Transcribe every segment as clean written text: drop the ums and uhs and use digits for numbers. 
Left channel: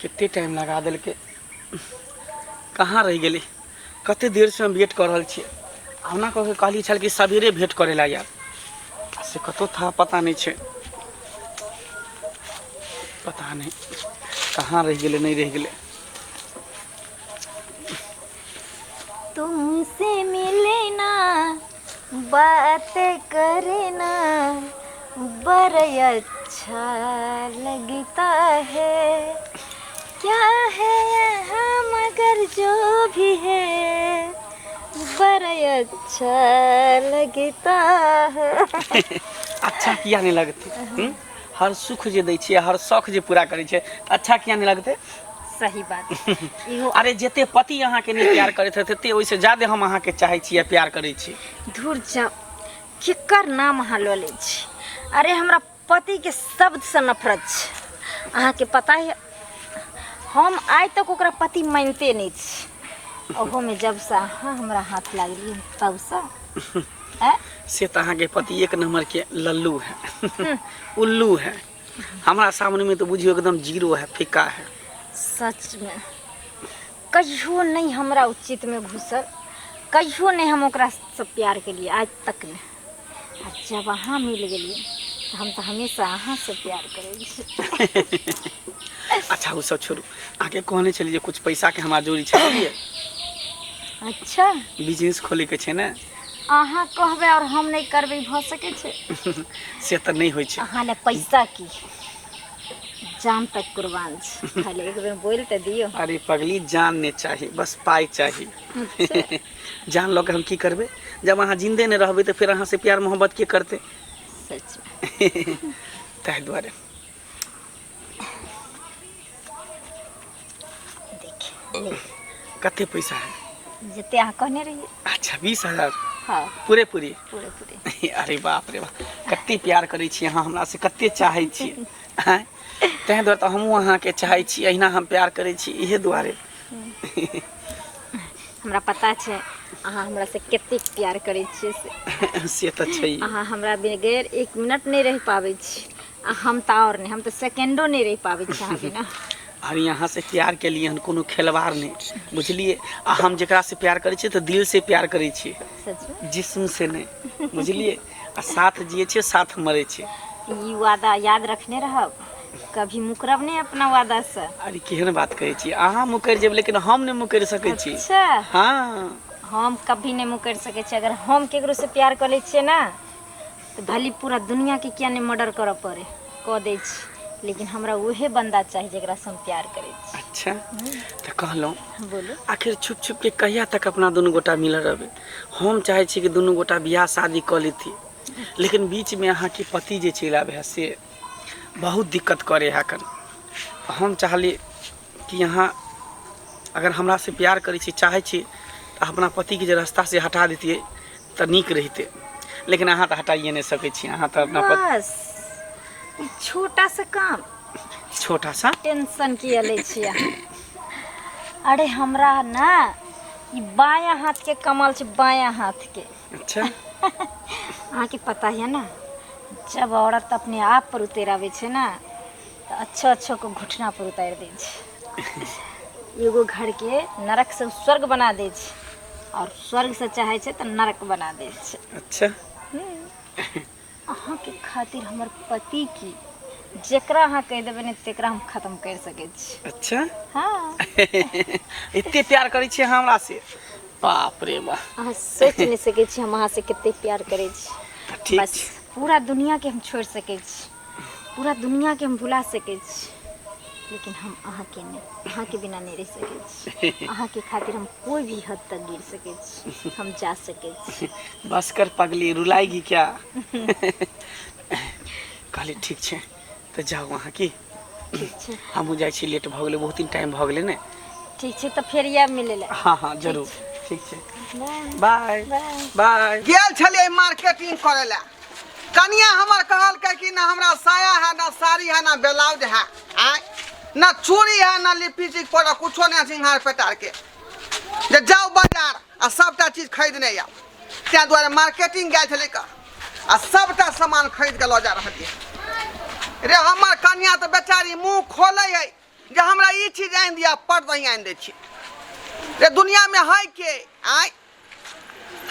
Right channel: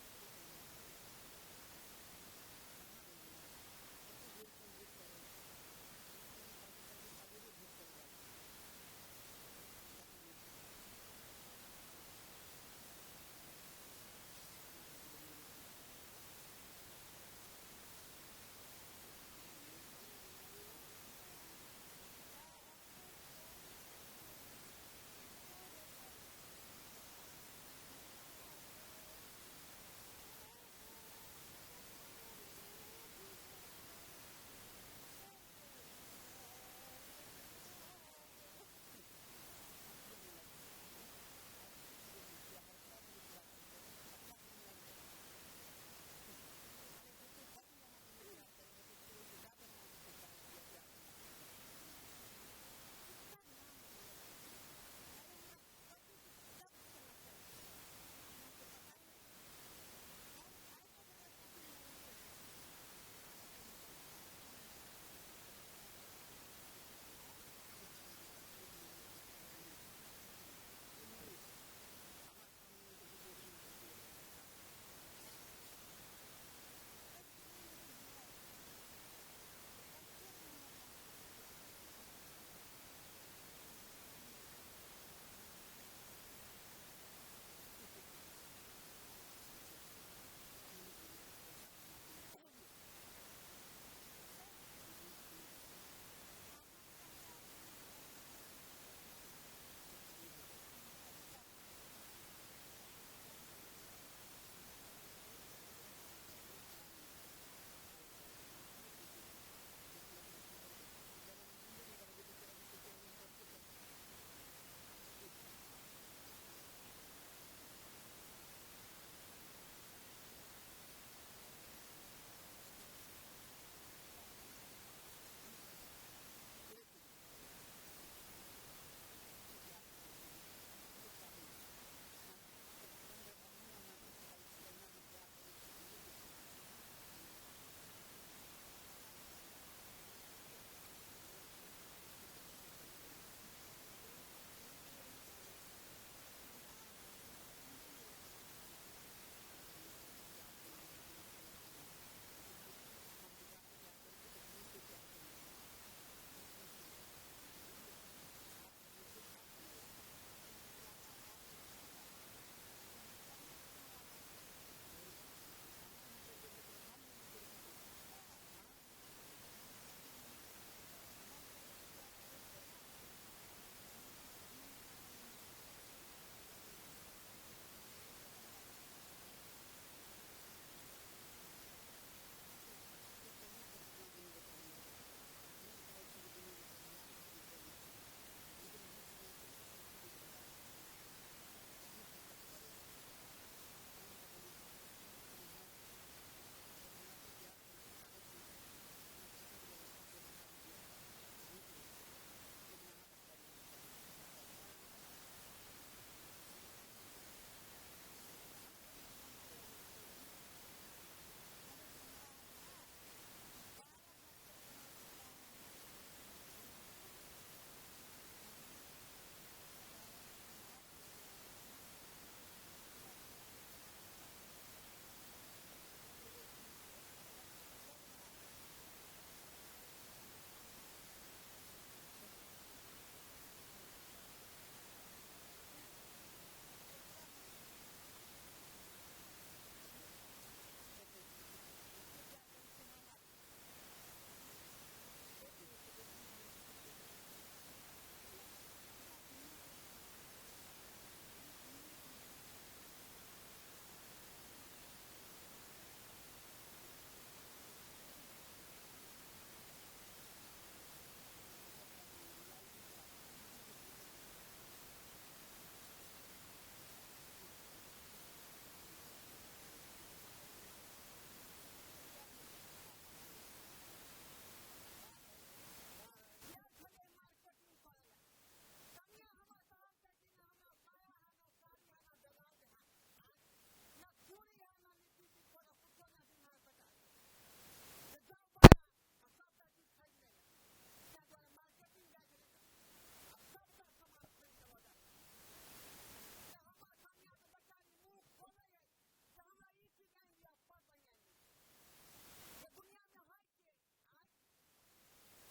कितने टाइम लगा दिल के कहाँ रह गए कते देर से हम वेट कर रहा छे हमना कह कहली छल कि सवेरे भेंट करेला यार से कतो था पता नहीं छे पता नहीं कहाँ रह गए नहीं रह गए तुमसे मिले ना बात करे ना बड़ा अच्छा लगता है क्या है यहाँ मगर जो भी है बड़ा अच्छा लगता है। अच्छा किया नहीं लगते हर सुख जे दै छियै हर शौक जे पूरा करै छै अच्छा किया नहीं लगते सही बात अरे जते पति अहाँ के नहीं प्यार करते तते ओइसे ज्यादा हम अहाँ के चाहे छी प्यार करे छी धुर जाओ केकर नाम अहाँ लऽ लै छी अरे हमरा पति के शब्द से नफरत छै अहाँ के पता है हम आज तक ओकरा पति मानते नहीं छी ओहो में जब से अहाँ हमरा हाथ लागली तब से तो अहाँ के पति एक नंबर के लल्लू है उल्लू है हमारा सामने में तो बुझियो एकदम जीरो है फीका है सच में कहियो नहीं हमरा उचित में घुसल कहियो नहीं हम ओकरा से प्यार के लिए आज तक नहीं जब अहाँ मिल गए तो हम तो हमेशा अहाँ से प्यार करेंगे। अच्छा वो सब छोड़ू आगे कहने चलिए कुछ पैसा के हमारा जोड़ी चाहिए अच्छा बिजनेस खोले के छे ना अहाँ कहबे और हम नहीं करबे भ सके छे से तो नहीं होय छे अहाँ ले पैसा की जान तक कुर्बान छे खाली एक बेर बोल त दियो अरे पगली जान ने चाहिए बस पाई चाहिए अच्छा। जान लो के हम की करबे जब अहाँ जिंदे नहीं रहबे तो फिर अहाँ से प्यार मोहब्बत के करते सच में ताहि द्वारे देखिए कते पैसा है जते अहाँ कहने रहिए अच्छा 20,000 हाँ पूरे पूरी पूरे पूरे अरे बाप रे बाप कते प्यार करे छी अहाँ हमरा से कते चाहे छी हैं तै द्वारे तो हमहू अहाँ के चाहे छी अहिना हम प्यार करे छी इहे दुआरे हमरा पता छे अहाँ हमरा से कते प्यार करे छी से तो छै अहाँ हमरा बगैर 1 मिनट नहीं रह पावे छी हम तो और नहीं हम तो सेकंडो नहीं रह पावे छी अहाँ बिना और यहाँ से प्यार के लिए हम कोनो खिलवाड़ नहीं बुझलिए आ हम जकरा से प्यार करे छी तो दिल से प्यार करे छी सच में जिस्म से नहीं बुझलिए आ साथ जिए छी साथ मरे छी ई वादा याद रखने रहब कभी मुकरब नहीं अपना वादा से अरे केहन बात कहै छी अहाँ मुकर जेब लेकिन हम नहीं मुकर सकै छी अच्छा हाँ हम कभी नहीं मुकर सके छी अगर हम केकरो से प्यार कर ले छिए ना तो भली पूरा दुनिया के क्या नहीं मर्डर कर पड़े कह दे छी लेकिन हमरा वही बंदा चाहिए जकरा से हम प्यार करे छी अच्छा तो कहलौं बोलो आखिर छुप छुप के कहिया तक अपना दोनों गोटा मिल रहबे हम चाहे छी कि दोनों गोटा बियाह शादी कर लेती लेकिन बीच में अहाँ के पति जे चलि आबे से बहुत दिक्कत करे है कन हम चाहली कि यहाँ अगर हमरा से प्यार करे छी चाहे छी तो अपना पति के जे रास्ता से हटा देतिए तो नीक रहते लेकिन अहाँ तो हटाइए नहीं सके छी अहाँ तो अपना बस ई छोटा सा काम छोटा सा टेंशन किए ले छिए अरे हमरा ना ई बायां हाथ के कमल छे बायां हाथ के अच्छा अहाँ के पता है ना जब औरत अपने आप पर उतर आवे छे ना तो अच्छो अच्छो को घुटना पर उतार दे छे एगो घर के नरक से स्वर्ग बना दे छे और स्वर्ग से चाहे छे तो नरक बना दे छे अच्छा अहाँ के खातिर हमर पति की जेकरा अहाँ कह देबे ने तेकरा हम खत्म कर सके छी अच्छा हाँ इतने प्यार करे छी हमरा से बाप रे बाप अहाँ सोच नहीं सके छी हम अहाँ से कितने प्यार करे छी ठीक बस पूरा दुनिया के हम छोड़ सके छी पूरा दुनिया के हम भुला सके छी लेकिन हम अहाँ के नहीं अहाँ के बिना नहीं रह सके छी अहाँ के खातिर हम कोई भी हद तक गिर सके छी हम जा सके छी बस कर पगली रुलाएगी क्या कहली ठीक छे तो जाओ वहाँ की ठीक छे हम जाए छी लेट भ गेले बहुत दिन टाइम भ गेले ने ठीक छे तो फिर या मिले ला हाँ हाँ जरूर ठीक छे बाय बाय बाय गेल छलिए मार्केटिंग करे ला कनिया हमर कहल के कि ना हमरा साया है ना साड़ी है ना ब्लाउज है आय ना चूड़ी है ना लिपस्टिक पर कुछो नहीं सिंगार पेटार के जे जाओ बाजार आ सबटा चीज खरीदने या त्या द्वारे मार्केटिंग गए छले का आ सबटा सामान खरीद के ल जा रहलिए रे हमर कन्या तो बेचारी मुंह खोले है जे हमरा ई चीज आनि दिया पर्दा ही आनि दै छी रे दुनिया में है के आय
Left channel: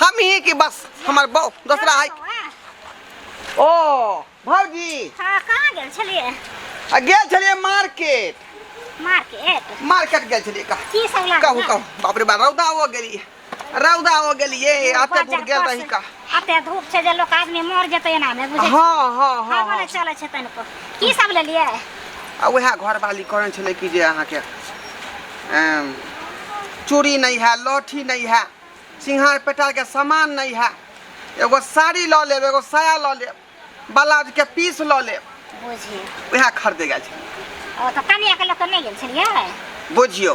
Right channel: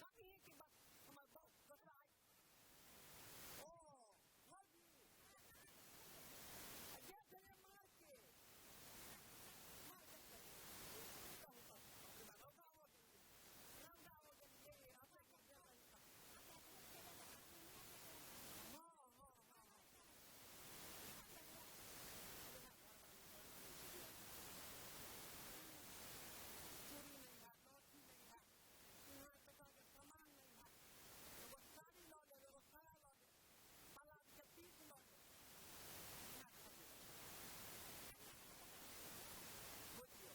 हम ही कि बस हमर बहू दूसरा है ओ भौजी हाँ कहाँ गेल छलिए गेल छलिए मार्केट मार्केट गेल छलिए का की सब लाग कहू कहू बाप रे बा रौदा हो गेलिए आते दूर गेल रही का अते धूप छै जे लोक आदमी मर जेतै ना में बुझै हाँ बोले चले छै तनिको की सब लेलिए आ वह घर वाली कहने छले कि जे अहाँ के चूड़ी नहीं है लौठी नहीं है सिंघार पेटार के सामान नहीं है एगो साड़ी लऽ लेब एगो साया लऽ लेब ब्लाउज के पीस लऽ लेब बुझिए वह खरीदे गेल छलिए ओ त कनिया के लोक नहीं गेल छलिए बुझियो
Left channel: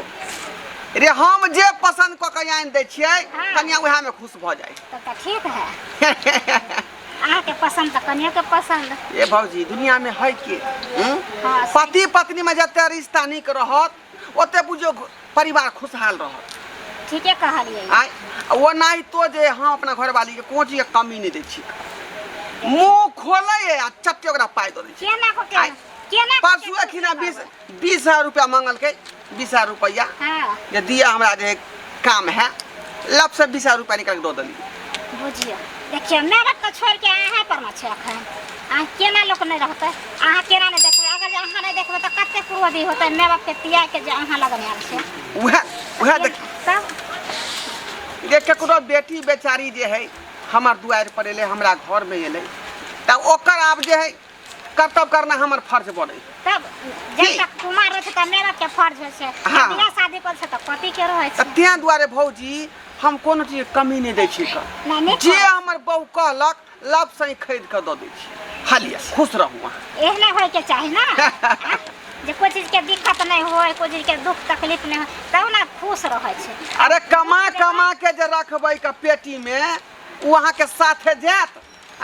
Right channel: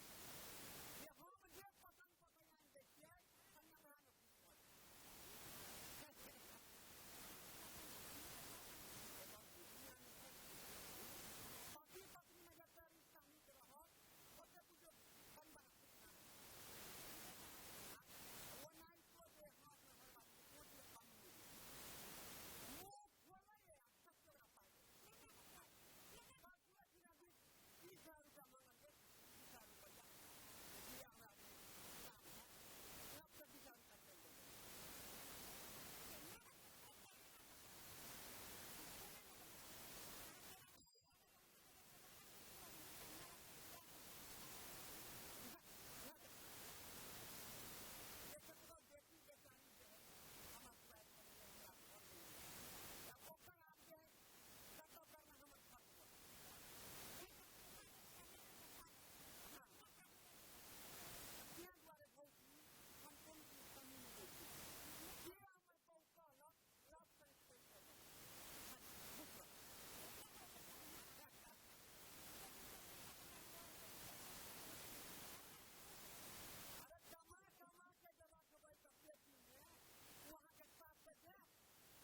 रे हम जे पसंद क के आनि दै छियै हाँ। कनिया वह में खुश भ जाए तब त ठीक है अहाँ के पसंद त कनिया के पसंद ये भौजी दुनिया में है के हाँ, पति पत्नी में जते रिश्ता निक रहत ओते बुझियो परिवार खुशहाल रहत ठीके कहलिए आय वो नहीं तो जे हम अपना घर वाली के कोची के कमी नहीं दै छी मुंह खोले आ चट्टे ओकरा पाई दे छी केना को आय, केना परसू अखिना 20,000 रुपया मांगल के 20,000 रुपया हां ये दिया हमरा जे काम है लब से 20,000 रुपया निकाल के दो दली बुझिए देखिए मेहनत तो छोड़ के अहाँ पर में छै अखन अहाँ केना लोक नहीं रहते अहाँ केना नहीं देखबे अगर अहाँ नहीं देखबे तो कते क्रोधी होते माय बाप के तिया के जे अहाँ लगन आल छै वह देख तब देख केकरो बेटी बेचारी जे है हमार दुआर पर एले हमरा घर में एले तब ओकर आब जे है कर्तव्य करना हमर फर्ज बने तब जब तक कुमार रहे त माय बाप के फर्ज होय छै हाँ। बियाह शादी कर छै त पति के रहे छै त्या दुआरे भौजी हम कोनो चीज कमी नहीं दै छी का नहीं जे हमर बहू कहलक लब से खरीद के दो दै छी हालिया खुश रहू अहाँ एहने होय के चाही ना जे कोई चीज के दिक्कत नहीं होय कोई चीज के दुख तकलीफ नहीं होय तब ना खुश रहे छै अरे कमा के जे रखबै का पेटी में उ अहाँ के साथे जात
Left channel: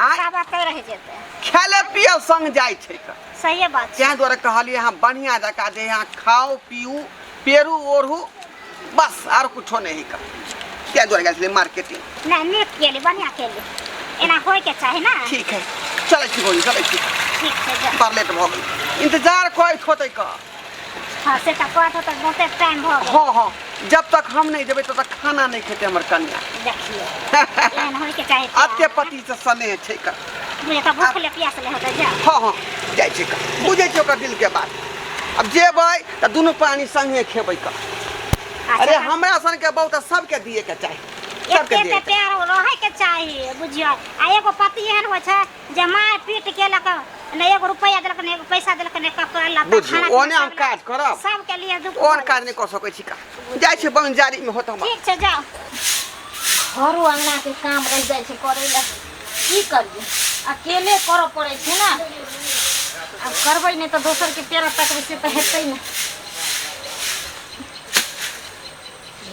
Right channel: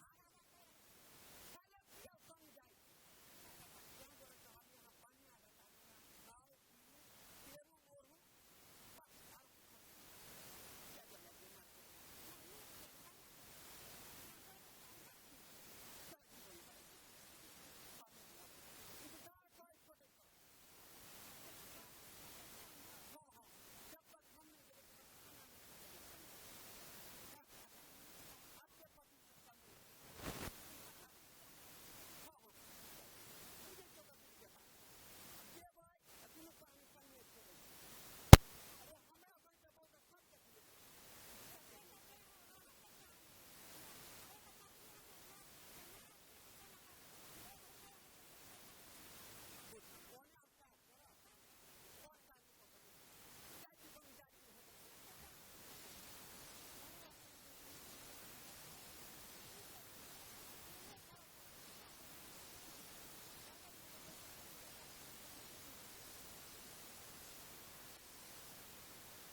आय का बात रह जेते खेले पिए संग जाय छै का सही बात छै त्या द्वारे कहलिए यहाँ बढ़िया जका जे यहाँ खाओ पीऊ पेरू ओढ़ू बस और कुछो नहीं का त्या द्वारे गेल मार्केटिंग नहीं नीक केली बढ़िया केली एना होय के चाही ना ठीक है चले छी बोली चले छी ठीक छै जा पर लेट भ गेल इंतजार कोई होते का हां से त कहत त बहुते टाइम भ गेल हाँ जब तक हम नहीं देवे तब तक खाना नहीं खेते हमर कन्या देखिए एहन होय के चाही अत्य पति से स्नेह छै का मुझे त भूख ले प्यास ले होते जा हाँ जाय छै का बुझे छै ओकर दिल के बात अब जेबै त दुनू प्राणी संगे खेबै का अरे हमरा सन के बहुत सबके दिए के चाही सबके एते दिए ते प्यार रहे के चाही बुझियो आ एगो पति एहन होय छै जे मार पीट के लक ने एगो रुपया देलक ने एगो पैसा देलक ने कपड़ा लत्ता बुझियो ओने हम काज करब सबके लिए दुख और काज नहीं कर सकै छी का जाय छै बंजारी में होत हम ठीक छै जाओ घरो अंगना के काम रह जाय छै करे ला की करिए अकेले करऽ पड़े छै ना अब करबै नहीं तो दोसर के पेड़ तकबै से तो हेतै ना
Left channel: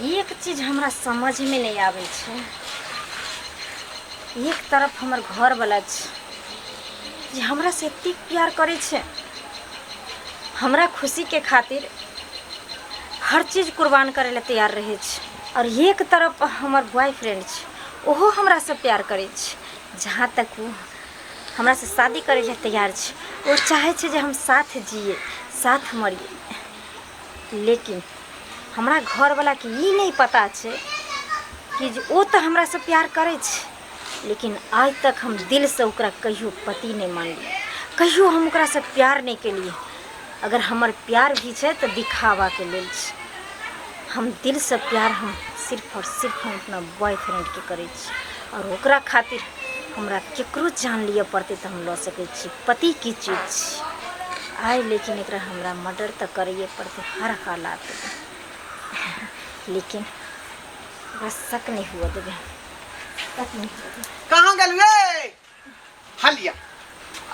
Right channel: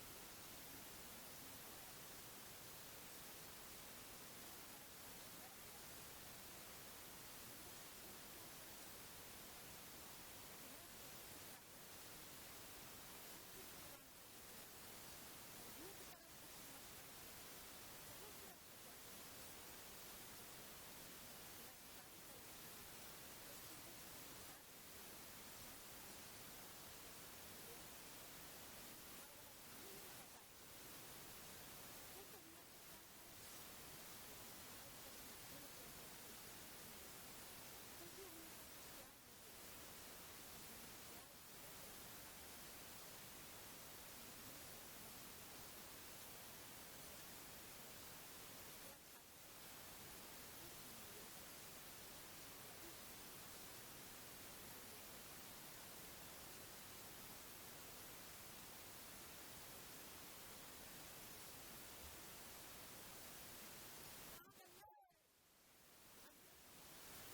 एक चीज हमरा समझ में नहीं आवे छै एक तरफ हमर घर वाला छै जे हमरा से एतेक प्यार करे छै हमरा खुशी के खातिर हर चीज कुर्बान करे ला तैयार रहे छै और एक तरफ हमर बॉयफ्रेंड छै ओहो हमरा से प्यार करे छै जहाँ तक वो हमरा से शादी करे ला तैयार छै वो चाहे छै जे हम साथ जिए साथ मरिए लेकिन हमरा घर वाला के ई नहीं पता छै कि जे ओ तो हमरा से प्यार करे छै लेकिन आज तक हम दिल से ओकरा कहियो पति नहीं मानलिए कहियो हम ओकरा से प्यार नहीं केलिए अगर हमर प्यार भी छै तो दिखावा के लेल छै हम दिल से प्यार हम सिर्फ और सिर्फ हम अपना बॉयफ्रेंड के करे छी और ओकरा खातिर हमरा केकरो जान लिए पड़ते तो हम लऽ सकै छी पति की चीज छै आइ लेकिन एकरा हमरा मर्डर तो करिए पड़ते हर हालात में लेकिन ओकरा शक नहीं हुआ देबे शक नहीं हुआ देबे कहाँ गेल रे हलिया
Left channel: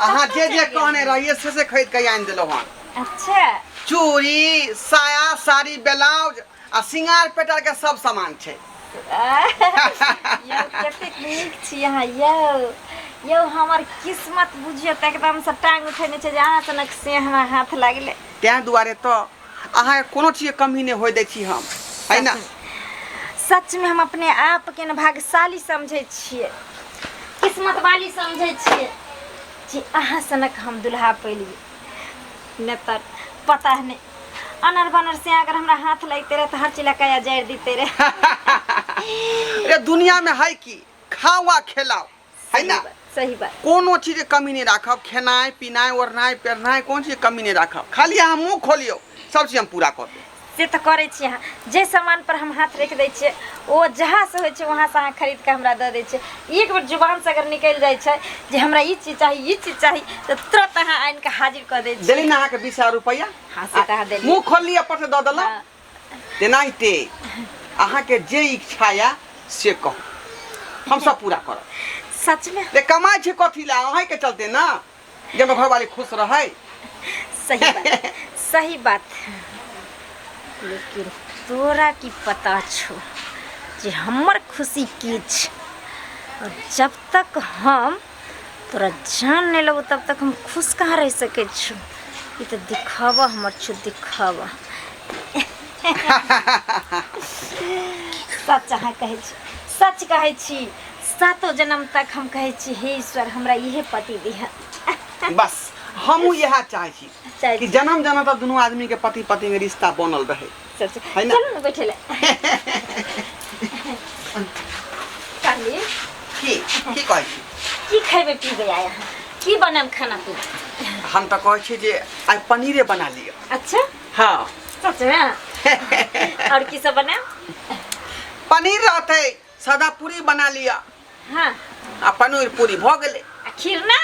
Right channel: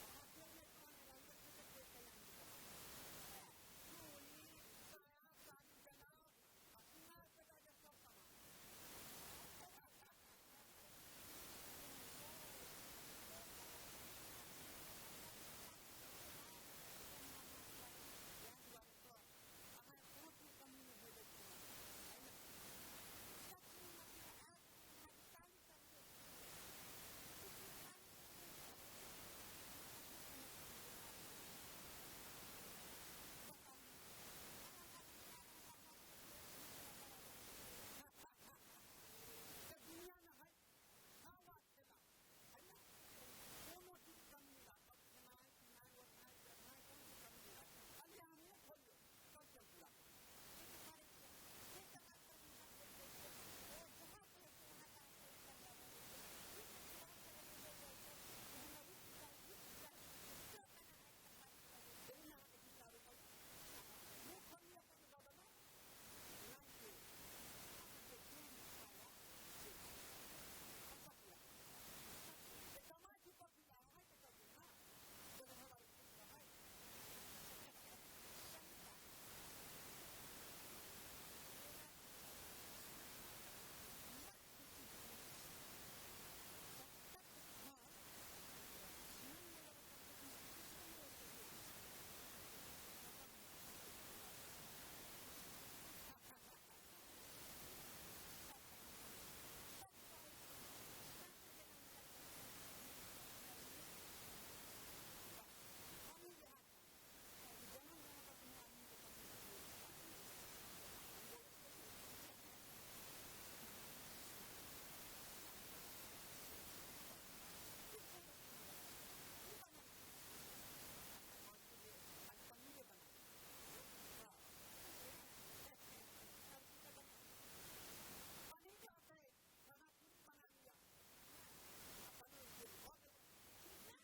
अहाँ जे कहने रहिए से खरीद के आनि देलौ हन अच्छा चूड़ी साया साड़ी ब्लाउज आ सिंगार पेटार के सब सामान छै यौ कतेक नीक छी अहाँ यौ हमर किस्मत बुझियो त एकदम से टांग उठेने छै जे अहाँ सनक से हमरा हाथ लागले तैं दुआरे तो अहाँ कोनो चीज कमी नहीं होय दै छी हम है ना सच में हम अपने आप के न भाग्यशाली समझे छिए किस्मत वाली समझे छिए जे अहाँ सनक हम दुल्हा पैलिए न त पता नहीं अनर बनर से अगर हमरा हाथ लगते रहे तो हर चिला का जड़ देते रहे। अरे दुनिया में है की खाओ आ खिलाओ है ना। सही बात। कोनो चीज के कमी नहीं राखब, खेनाई पिनाई ओढ़नाई पेरनाई कौन चीज के कमी नहीं राखब। खाली अहाँ मुँह खोलियो सब चीज हम पूरा कर देब। से तो करे छी अहाँ जे सामान पर हम हाथ रख दै छियै ओ जहाँ से होइ छै वहाँ से अहाँ खरीद के हमरा दऽ दै छियै। एक बेर जुबान से अगर निकल जाइ छै जे हमरा ई चीज चाही तो तुरंत अहाँ आनि के हाजिर कर दै छियै। देली ना अहाँ के 20,000 रुपया। हाँ से तो अहाँ देली। मुँह खोलली अपन से दऽ देलहुँ। तेनाहिते अहाँ के जे इच्छा या से कहू हम सब पूरा करब। सच में रे कमाई छै कथी ला अहाँ के चलते ना जे हमर घरवाली खुश रहे। सही बात सही बात। लेकिन तोरा की पता छो जे हमर खुशी की छै और जब तक हम तोरा जान नहीं लेबो तब तक हम खुश कहाँ रह सके छो। ये तो दिखावा हमर छो दिखावा। सच अहाँ कहै छी सच कहै छी। सातों जन्म तक हम कहै छी हे ईश्वर हमरा इहे पति दिहा। बस हमहू यह चाहे छी चाहे कि जन्म जन्म तक दोनों आदमी के पति पत्नी के रिश्ता बनल रहे। है ना? चलो ना बैठे ले। कहली की कहै छी की खेबे पीबे आया है की बनम खाना पीना। हम तो कहै छी जे आज पनीरे बना लियो। अच्छा हाँ सच में। और की सब बना पनीर रहते सादा पूरी बना लिया। हाँ आ पनीर पूरी भ गेले। आ खीर ना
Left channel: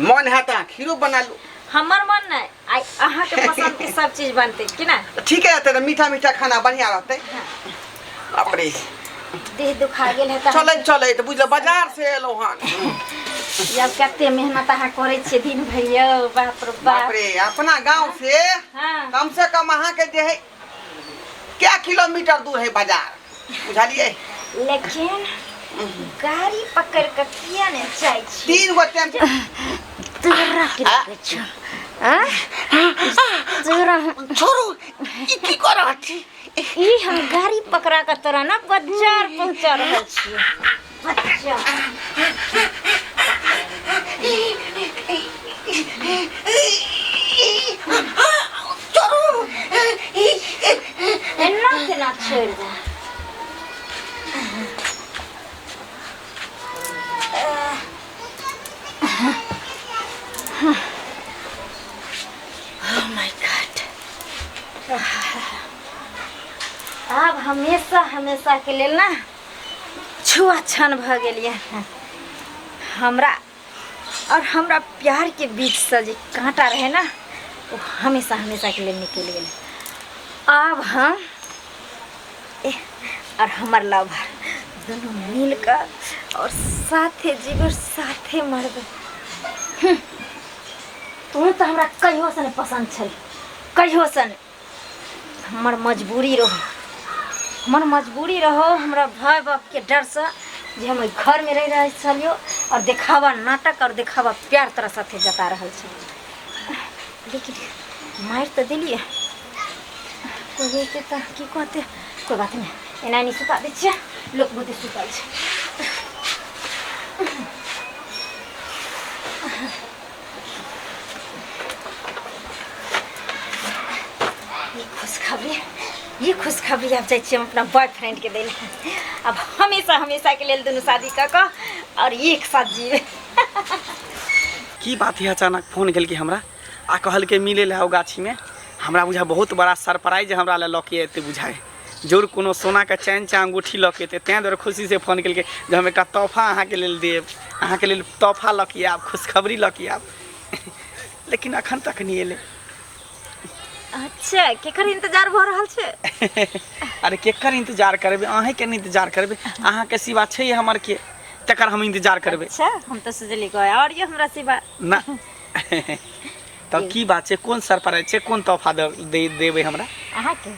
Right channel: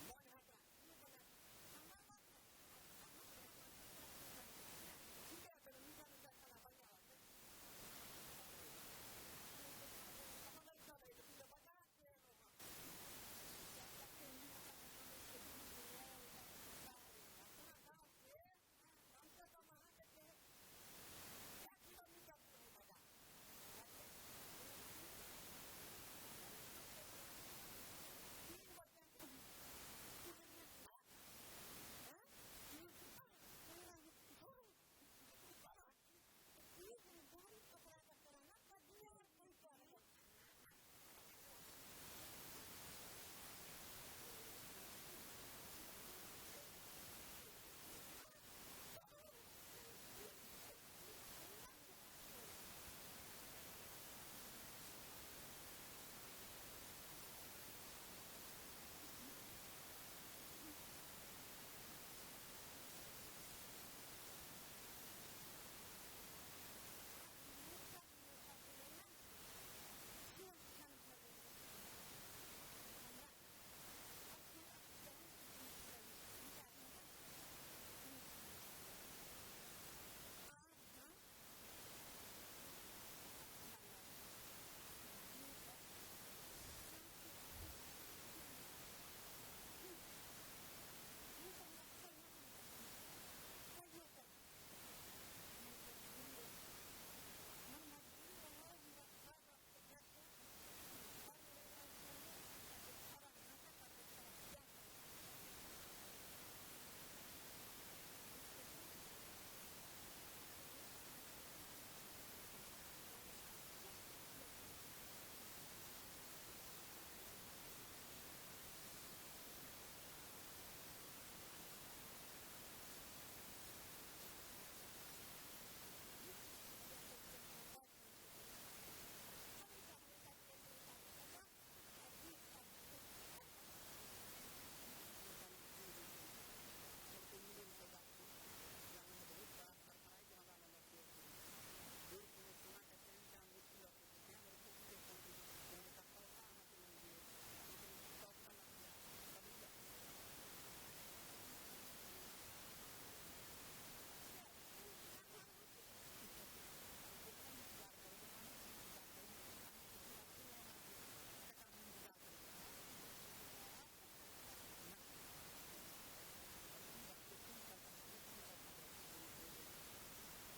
मन है तो खीरो बना लू। हमर मन नहीं आई अहाँ के पसंद के सब चीज बनते कि ना। ठीक है रहते मीठा मीठा खाना बढ़िया रहते। अपने देह दुखा गेल है त चले चले तो बुझल बाजार से एलो हन। जब कते मेहनत अहाँ करे छे दिन भर यो बाप रे बाप बाप। रे अपना गांव से हाँ कम से कम अहाँ के जे है क्या किलोमीटर दूर है बाजार बुझलिए। लेकिन गाड़ी पकड़ के किया ने जाय छी 3 गो टाइम तोरा के लागे छ। हां तोरा छोड़ू ई की कर रहा छी। ई हम गाड़ी पकड़ा के तोरा ना बाजार पहुंचा रहल छी। अच्छा छोड़ू एन्ना केना छोड़ दे। Oh my God. अब हमेशा हमेशा के लिए ना छुआछन भ गेलिए हमरा और हमरा प्यार के बीच से जे कांटा रहे ना वो हमेशा हमेशा के लिए निकल गए। अब हम और हमार लवर दोनों मिलकर और साथे जीव साथे मरबे। तू तो हमरा कहियो से पसंद छल कहियो से हमर मजबूरी रहो हमरा भाई बाप के डर से जे हम घर में रह चलियो और देखावा नाटक और देखावा प्यार तरह साथे जता रहल छ। लेकिन मार तो दिलिए कोई बेटे तो की कहते कोई बात नहीं एना नहीं सुता दे छिए लोक बुद्धि सुतल छै। ये खुशखबरी अब जाए हम अपना बॉयफ्रेंड के देने। अब हमेशा हमेशा के लिए दोनों शादी कर और एक साथ जीवे। की बात है अचानक फोन कल के हमरा आ कहल के मिले ले आओ गाछी में। हमरा बुझा बहुत बड़ा सरप्राइज हमरा ले लके एते बुझाए जोर कोनो सोना का चैन चा अंगूठी लके एते तैं दर खुशी से फोन कल के जो हम एक तोहफा अहाँ के लेल देब अहाँ के लेल तोहफा लके आब खुशखबरी लके आब। लेकिन अखन तक नहीं एले। अच्छा केकर इंतजार भ रहल छै। अरे केकर इंतजार करबे अहे के इंतजार करबे अहाँ के सिवा छै हमर के तकर हम इंतजार करबे। अच्छा हम तो सोचली गए और ये हमरा सिवा ना। तब की बात छै कोन सरप्राइज छै कोन तोहफा देबे हमरा अहाँ के।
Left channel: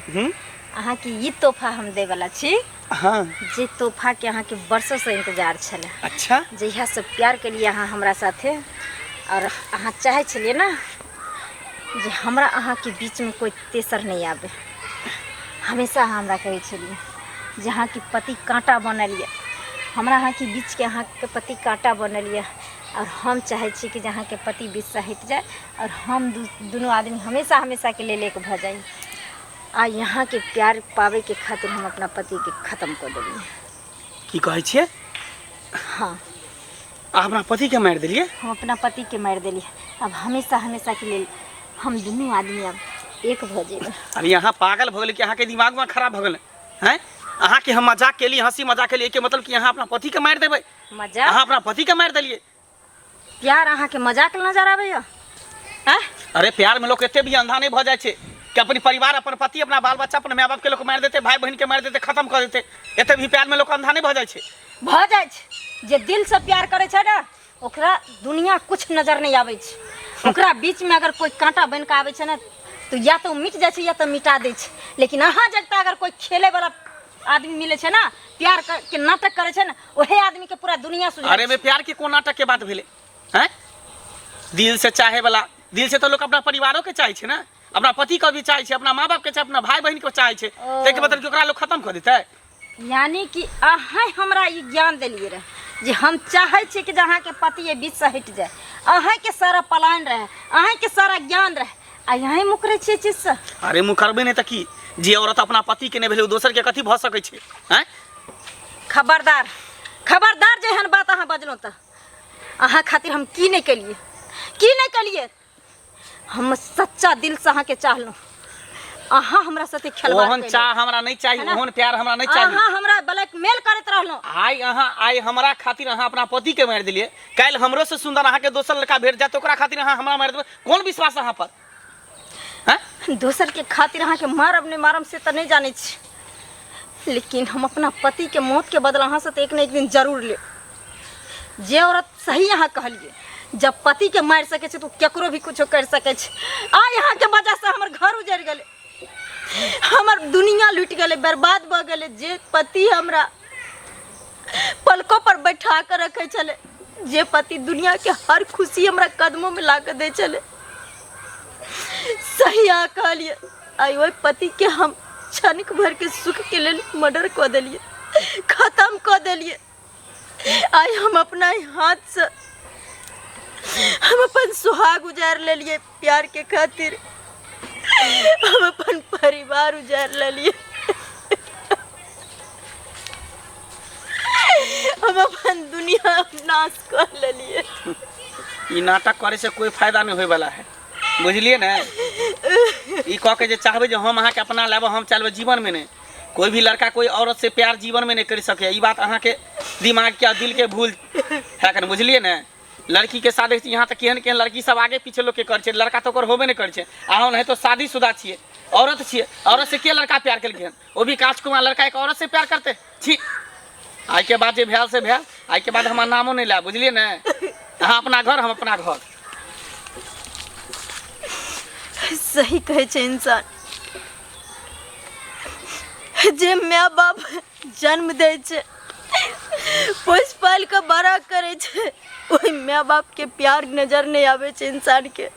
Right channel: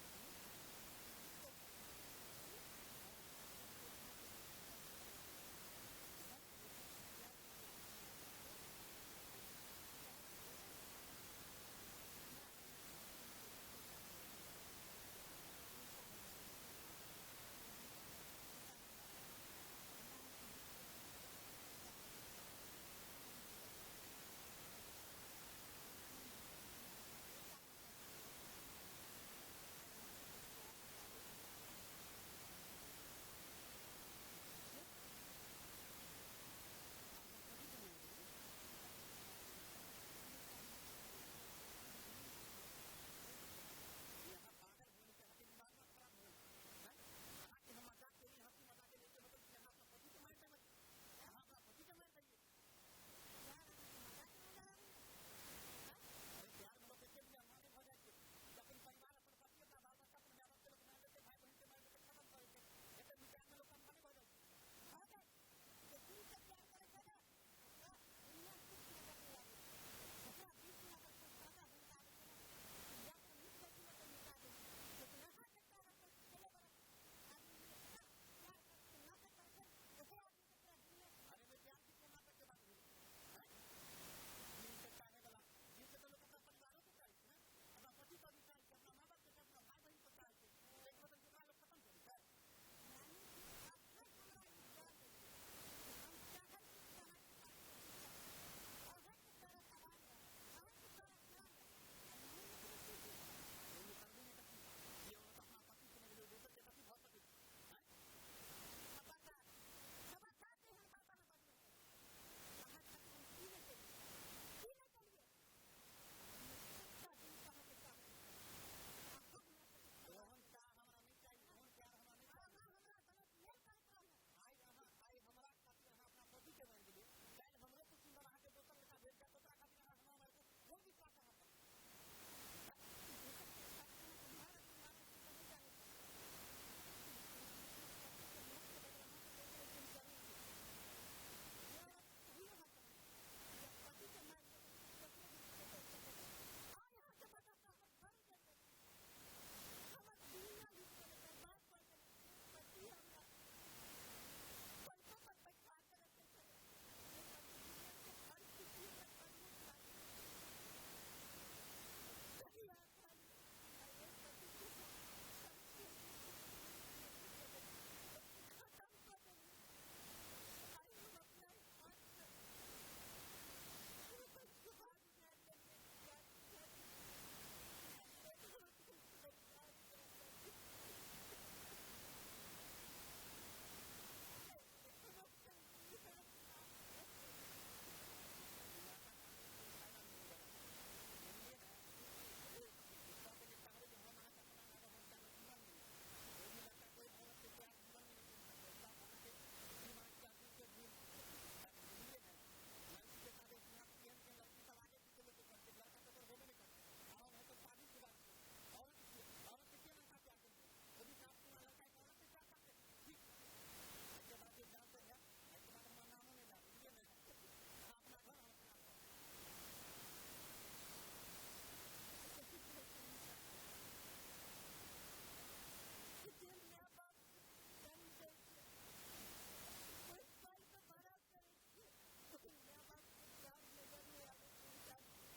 अहाँ के ई तोहफा हम दे वाला छी। हां जे तोहफा के अहाँ के वर्षों से इंतजार छले। अच्छा जहिया से प्यार के लिए अहाँ हमरा साथे और अहाँ चाहे छलिए ना जे हमरा अहाँ के बीच में कोई तेसर नहीं आवे। हमेशा हमरा कहे छलिए जे अहाँ के पति कांटा बनल ये हमरा अहाँ के बीच के अहाँ के पति कांटा बनल ये और हम चाहे छी कि जहाँ के पति बीच से हट जाए और हम दोनों आदमी हमेशा हमेशा के लिए लेके भ जाई। आ यहाँ के प्यार पावे के खातिर हम अपना पति के खत्म कर देलिए। की कहै छियै? हाँ, आ अपना पति के मारि देलिए? हम अपना पति के मार देलिए। अब हमेशा हमेशा के लिए हम दोनों आदमी अब एक भ जेबै। अरे यहाँ पागल भ गेल कि अहाँ के दिमाग में खराब भ गेल हैं? अहाँ के हम मजाक के लिए, हंसी मजाक के लिए के मतलब कि यहाँ अपना पति के मारि देबै? मजाक? अहाँ अपना पति के मारि देलिए? प्यार अहाँ के मजाक नजर आबै हैं? अरे प्यार में लोग एते भी अंधा नहीं भ जाए छे कि अपनी परिवार, अपन पति, अपना बाल बच्चा, अपन माय बाप के लोग मार देते, भाई बहन के मार देते, खत्म कर देते। एते भी प्यार में लोग अंधा नहीं भ जाए छे। भ जाए छे। जे दिल से प्यार करे छे ना, ओकरा दुनिया कुछ नजर नहीं आवे छे। ओकरा बीच में अगर कोई कांटा बन के आवे छे ना, तो या तो मिट जाए छे या तो मिटा दे छे। लेकिन अहाँ जगता अगर कोई खेले वाला आदमी मिले छे ना, प्यार के नाटक करे छे ना, वही आदमी के पूरा दुनिया सुझाए। अरे में प्यार के कोन नाटक के बात भेले हैं? दिल से चाहे वाला, दिल से तो लोग अपना परिवारों के चाहे छे ना, अपना पति को भी चाहे छे, अपना माँ बाप के चाहे, अपना भाई बहन को चाहे छे। तेके मतलब कि ओकरा लोग खत्म कर देते। यानी कि अहाँ हमरा ई ज्ञान दिलिए रहे जे हम चाहे छी कि जहाँ के पति ये बीच से हट जाए। अहाँ के सारा पलायन रहे, अहाँ के सारा ज्ञान रहे, आ यहाँ मुकरे छे चीज से। अरे मुकरबे नहीं त की? जे औरत अपना पति के नहीं भेले दोसर के कथी भ सकै छे हैं? खबरदार, खबरदार जेहन बात अहाँ बजलो त अहाँ खातिर हम की नहीं कलिए, की नहीं कलिए। हम सच्चा दिल से अहाँ के चाहलो। अहाँ हमरा साथे खेलवाड़ ओहन चाह हमरा नहीं चाहिए, ओहन प्यार हमरा नहीं चाहिए। अहाँ हमरा ब्लैकमेल करत रहलो। आई हमरा खातिर अहाँ अपना पति के मार दिलिए, काल हमरो से सुंदर अहाँ के दोसर लड़का भेट जात, ओकरा खातिर अहाँ हमरा मार देबै? कौन विश्वास अहाँ पर हैं? दोसर के खातिर अहाँ के मारब नहीं मारब से तो नहीं जाने छी, लेकिन हम अपना पति के मौत के बदला अहाँ से तो एक न एक दिन जरूर ले। जे औरत सही अहाँ कहलिए, जब पति के मार सके छे तो केकरो भी कुछ कर सके छे। आ यहाँ के वजह से हमर घर उजड़ गए, हमर दुनिया लुट गए, बर्बाद भ गए। जे पति हमरा पलकों पर बैठा कर रखे चले, जे पति दुनिया के हर खुशी हमरा कदमों में ला के दे चले, सही आ कहलिए। आई वही पति के हम क्षणिक भर के सुख के लिए मर्डर कर दिलिए, खत्म कर दिलिए। आई हम अपना हाथ से हम अपन सुहाग उजाड़ ले लिए प्यार के खातिर, हम अपन परिवार उजाड़ ले लिए, हम अपन दुनिया नाश कर ले लिए। ई नाटक करे से कोई फायदा नहीं होए वाला है, बुझलिए ना? ई कह के जे चाहबे जे हम अहाँ के अपना लेब, हम चलबे, जीवन में नहीं। कोई भी लड़का कोई औरत से प्यार जीवन में नहीं कर सके। ई बात अहाँ के दिमाग के दिल के भूल है कर, बुझलिए ना? लड़की के शादी यहाँ तक केहन केहन लड़की सब आगे पीछे लोग के कर छे, लड़का तो ओकर होबे नहीं कर छे। अहाँ नहीं तो शादीशुदा छिए, औरत छिए, औरत से के लड़का प्यार केलखिन? वो भी काजकुमार लड़का एक औरत से प्यार करते छी? आई के बाद जे भेल से भेल, आई के बाद हमार नामो नहीं ला, बुझलिए ना? अहाँ अपना घर, हम अपना घर। सही कहे छे इंसान, जे माँ बाप जन्म दे छे, पोस पाल के बड़ा करे छे, वही माँ बाप के प्यार नजर नहीं आवे छे इंसान के।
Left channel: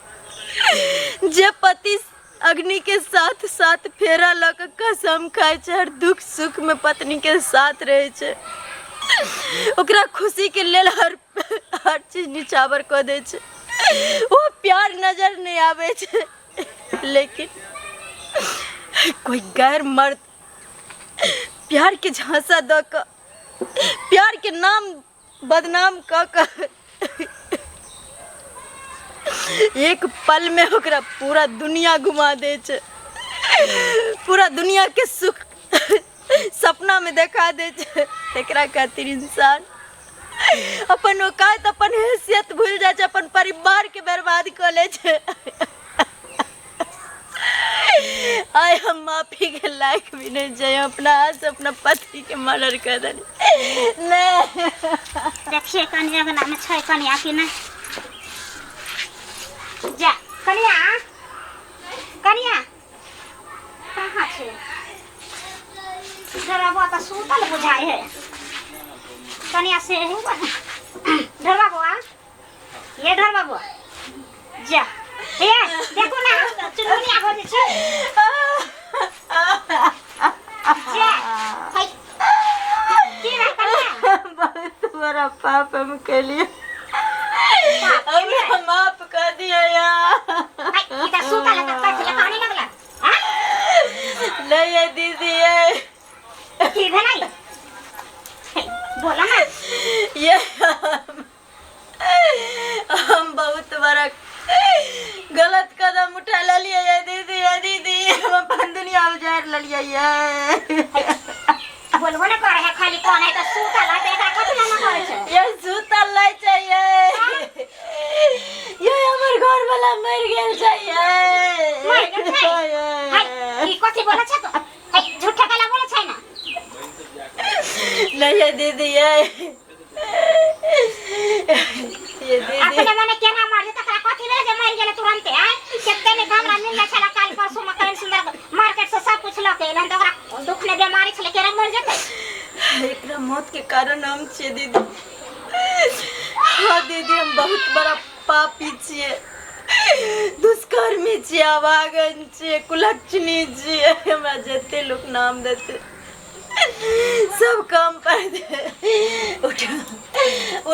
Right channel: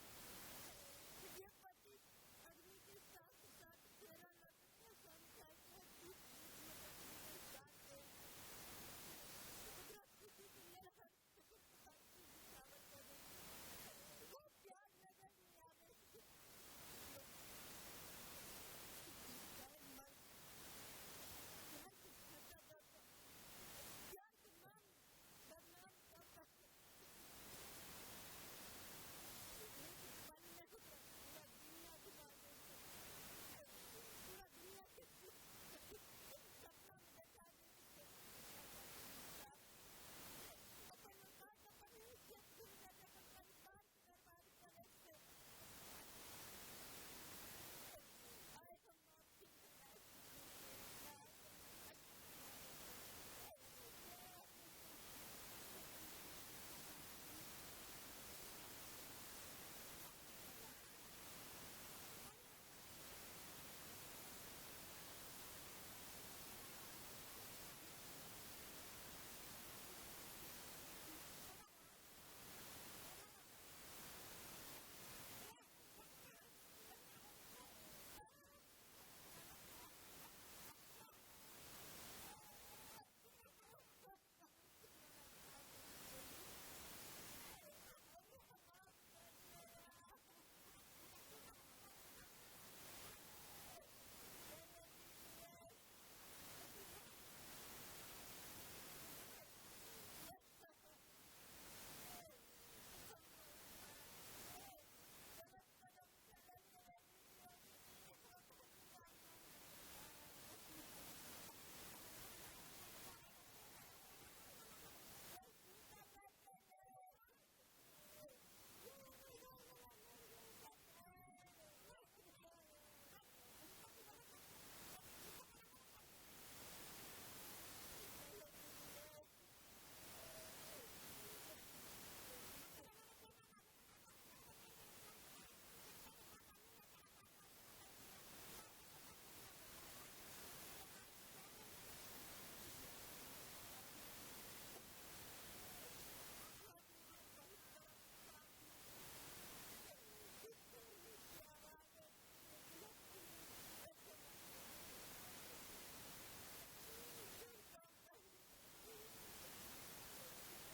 जे पति अग्नि के साथ साथ फेरा लग कसम खाए छे, हर दुख सुख में पत्नी के साथ रहे छे, ओकरा खुशी के लेल हर चीज निछावर कर दे छे, वो प्यार नजर नहीं आवे छे। लेकिन कोई गैर मर्द प्यार के झांसा द क, प्यार के नाम बदनाम क एक पल में ओकरा पूरा दुनिया घुमा दे छे, पूरा दुनिया के सुख सपना में देखा दे छे। एकरा खातिर इंसान अपन औकात, अपन हैसियत भूल जाए छे, अपन परिवार के बर्बाद कर ले छे। आय हम माफी के लायक भी नहीं जाए, अपना हाथ से अपना पति के मर्डर कर देनी। नहीं देखिए कन्या के नाम छै, कन्या की ना जा, कन्या कन्या कहाँ छे? जरा वो तो सूतल बुझाई है। कन्या से हुआ ढरवा बुआ, ये ढरवा बुआ जा, ये देखो ना चुनमुनिया हो छे जा। हाय की रे कन्या, बहुत बड़ा पाप हम के लिए। उजाड़ ललिया ये बोलबो ना करे है खाली कौन है तो सूता ला ते एकरा कथि ना करे छै ये सुतल लै चाहिए ये हमर घर वाला मर गेल चाहिए मर गेल छै हाय ई कथि बोले छै तो हाय झूठा गला बोले छै ना नहीं है दीदी ये दीदी अपने मने केना मार दे तकरा कथि ले जे मर गेले तुरंत आय केते ने हमरा मिलले छला काल परसों में कहीं सुंदर मार्केट से सब कुछ लके एलन त ओकरा दुख ने बीमारी छले केरा मर जेते एकरा मौत के कारण हम छिए दीदी। हाँ दीदी हम बहुत बड़ा पापी छिए, दुष्कर्मी छिए, अभागन छिए, कुलक्षणी छिए। हमरा जते लोग नाम देते सब काम पर दे। उठो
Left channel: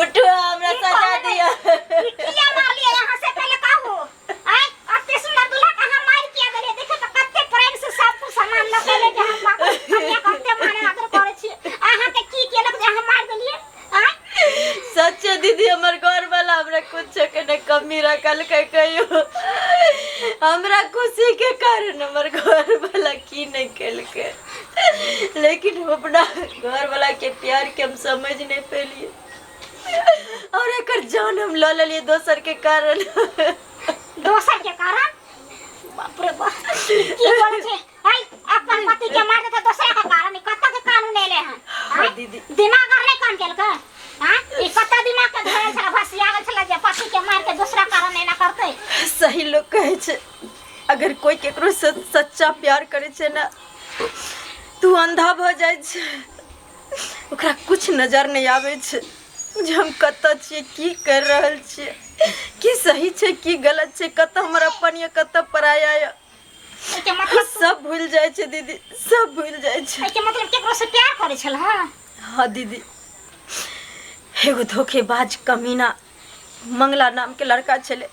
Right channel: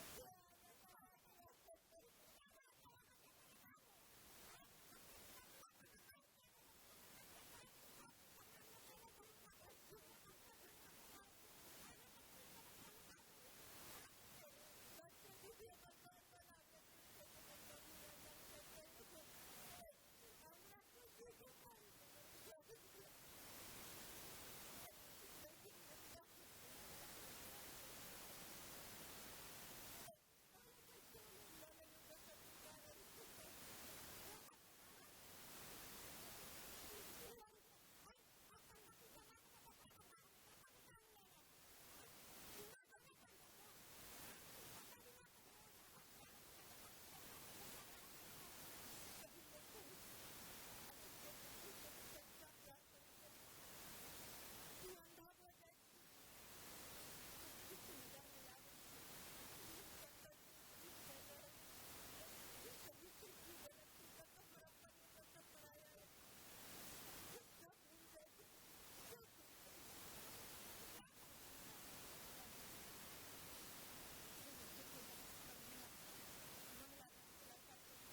उठो हमरा सजा दिया। किया मार लिया यहां से पहले कहू आय अते सुंदर दूल्हा का हम मार किया गले देखे तो कत्ते प्रेम से सब कुछ सामान लगे जे हम कत्ते कत्ते माने आदर करे छी अहां के की केलक जे हम मार देलिए आय सच दीदी हमर घर वाला हमरा कुछ के न कमी रखल के कहियो हमरा खुशी के कारण हमर घर वाला की नहीं केल के, लेकिन अपना घर वाला के प्यार के हम समझ नहीं पेलिए और एकर जान हम ल लेलिए दोसर के कारण। दोसर के कारण बाप रे बाप की बोल छे हाय अपन पति के मार दे तो दोसर के कारण कत्ता के कानून ले ले हैं हाँ दीदी दिमाग और नहीं काम केल का हां ई कत्ता दिमाग के धरल छला भसिया गेल छला जे पति के मार के दूसरा कारण नहीं ना करते। सही लोग कहे छे अगर कोई केकरो से सच्चा प्यार करे छे ना तू अंधा भ जाय छे, ओकरा कुछ नजर नहीं आवे छे जे हम कत्ता छिए, की कर रहल छिए, की सही छे की गलत छे, कत्ता हमरा अपन या कत्ता पराया या के मतलब सब भूल जाय छे दीदी, सब भूल जाय छे। के मतलब केकरो से प्यार करे छल हां हाँ दीदी एगो धोखेबाज कमीना मंगला नाम के लड़का छले,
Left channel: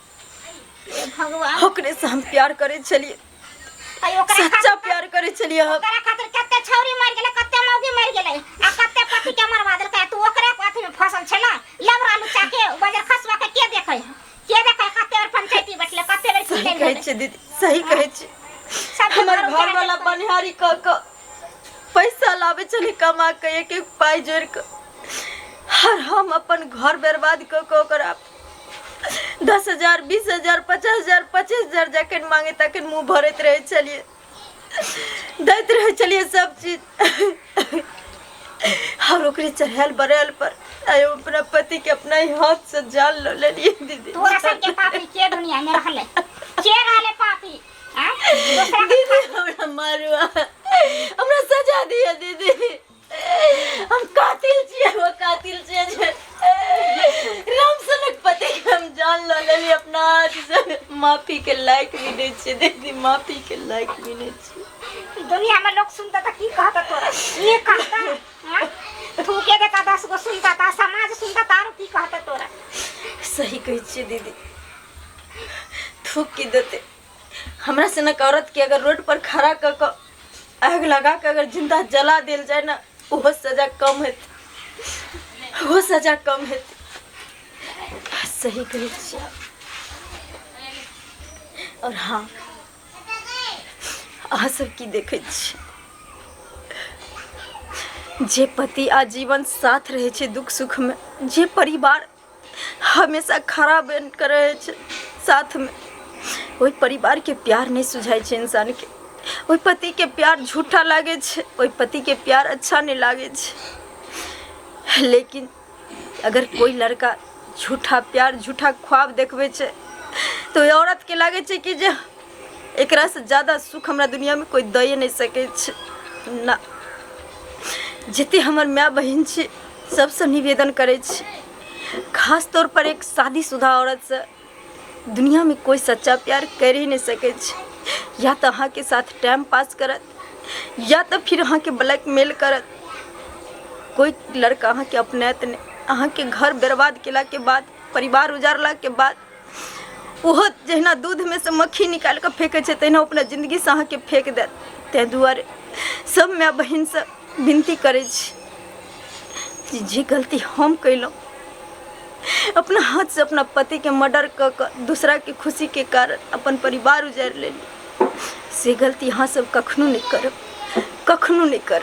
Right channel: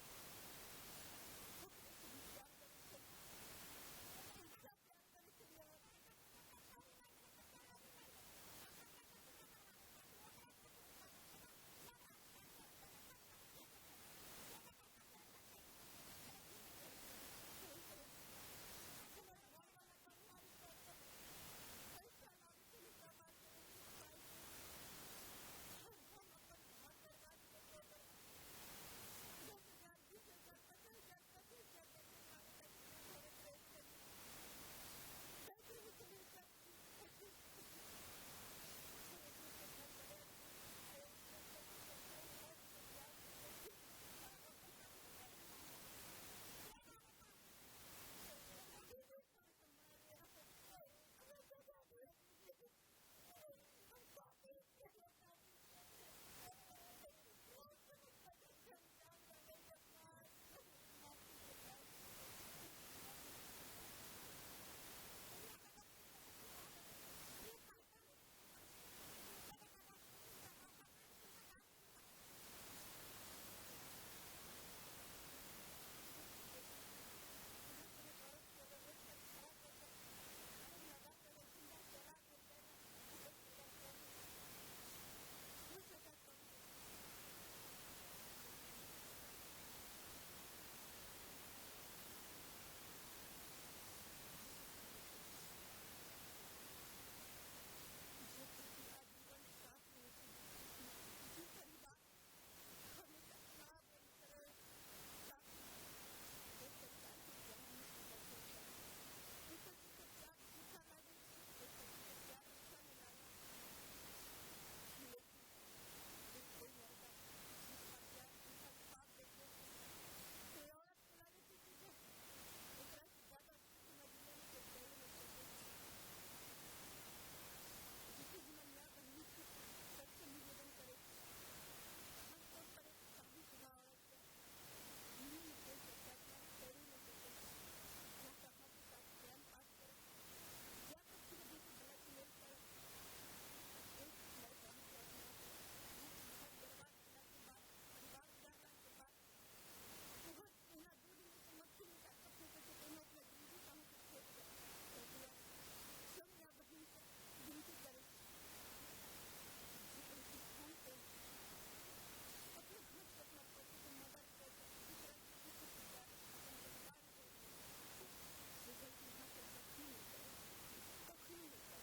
भगवान ओकरे से हम प्यार करे छलिए, आई ओकरा सच्चा प्यार करे छलिए हम। ओकरा खातिर कत्ते छौरी मर गेले कत्ते मौगी मर गेले आ कत्ते पति के मरवा देलकै तू ओकरा पाथी में फसल छला लबरा लुचा के बाजार खसवा के देखे कत्ते और पंचायती बैठले कत्ते बेर सही की कहे छे दीदी, सही कहे छे। हमर घर वाला बनिहारी क पैसा लावे चले कमा के एक एक पाई जोड़ के और हम अपन घर बर्बाद क ओकरा 10,000 20,000 50,000 25,000 जखन मांगे तखन मुंह भरत रहे चलिए, दैत रहे चलिए सब चीज और ओकरे चढ़ल बरल पर आयो अपना पति के अपना ही हाथ से जान लो ले लिए दीदी। तोरा सब के पापी के दुनिया में रहले के रहले पापी हां दीदी हमरा मारुआ हमरा सजा दिया दीदी, हम कातिल छिए, वो कातिल छिए जे राम सनक पति हम जान लो ले अपना हाथ से, माफी के लायक भी नहीं छे दीदी, माफी के लायक भी नहीं छे। दुनिया में लोग सुनता था की कहता तोरा ये कहता हां तू के देता 10 गो सुनता था समाज सुनता तारो की कहता तोरा। सही कही छे दीदी, थूक की देते हमरा से न औरत के अगर रोड पर खड़ा क आग लगा के अगर जिंदा जला देल जाए ना वो सजा कम है, वो सजा कम है। सही कही छे। और हाँ अहाँ सब की देखे छी जे पति आजीवन साथ रहे छे दुख सुख में, जे परिवार हमेशा खड़ा बन कर रहे छे साथ में, ओई परिवार के प्यार नहीं सुझाई छे इंसान के, ओई पति के प्यार झूठा लागे छे, ओई पति के प्यार अच्छा नहीं लागे छे। लेकिन अगर कोई लड़का झूठा प्यार झूठा ख्वाब देखबे छे तो औरत के लागे छे कि जे एकरा से ज्यादा सुख हमरा दुनिया में कोई दे नहीं सके छे ना। जते हमर माय बहन छे सबसे निवेदन करे छे, खास तौर पर एक शादीशुदा औरत से दुनिया में कोई सच्चा प्यार कर ही नहीं सके छे। या तो अहाँ के साथ टाइम पास करत या तो फिर अहाँ के ब्लैकमेल करत। कोई लड़का अहाँ के अपनेत ने अहाँ के घर बर्बाद केला के बाद, परिवार उजारला के बाद ओहो जहिना दूध में से मक्खी निकाल के फेंके छे तहिना अपना जिंदगी से अहाँ के फेंक देत। तै दुआरे सब माय बहन से विनती करे छी जे गलती हम कैलहुँ अपना हाथ से अपना पति के मर्डर क दूसरा के खुशी के कारण अपन परिवार उजाड़ लेली, से गलती अहाँ सब कखनो नहीं करब, कखनो नहीं करब।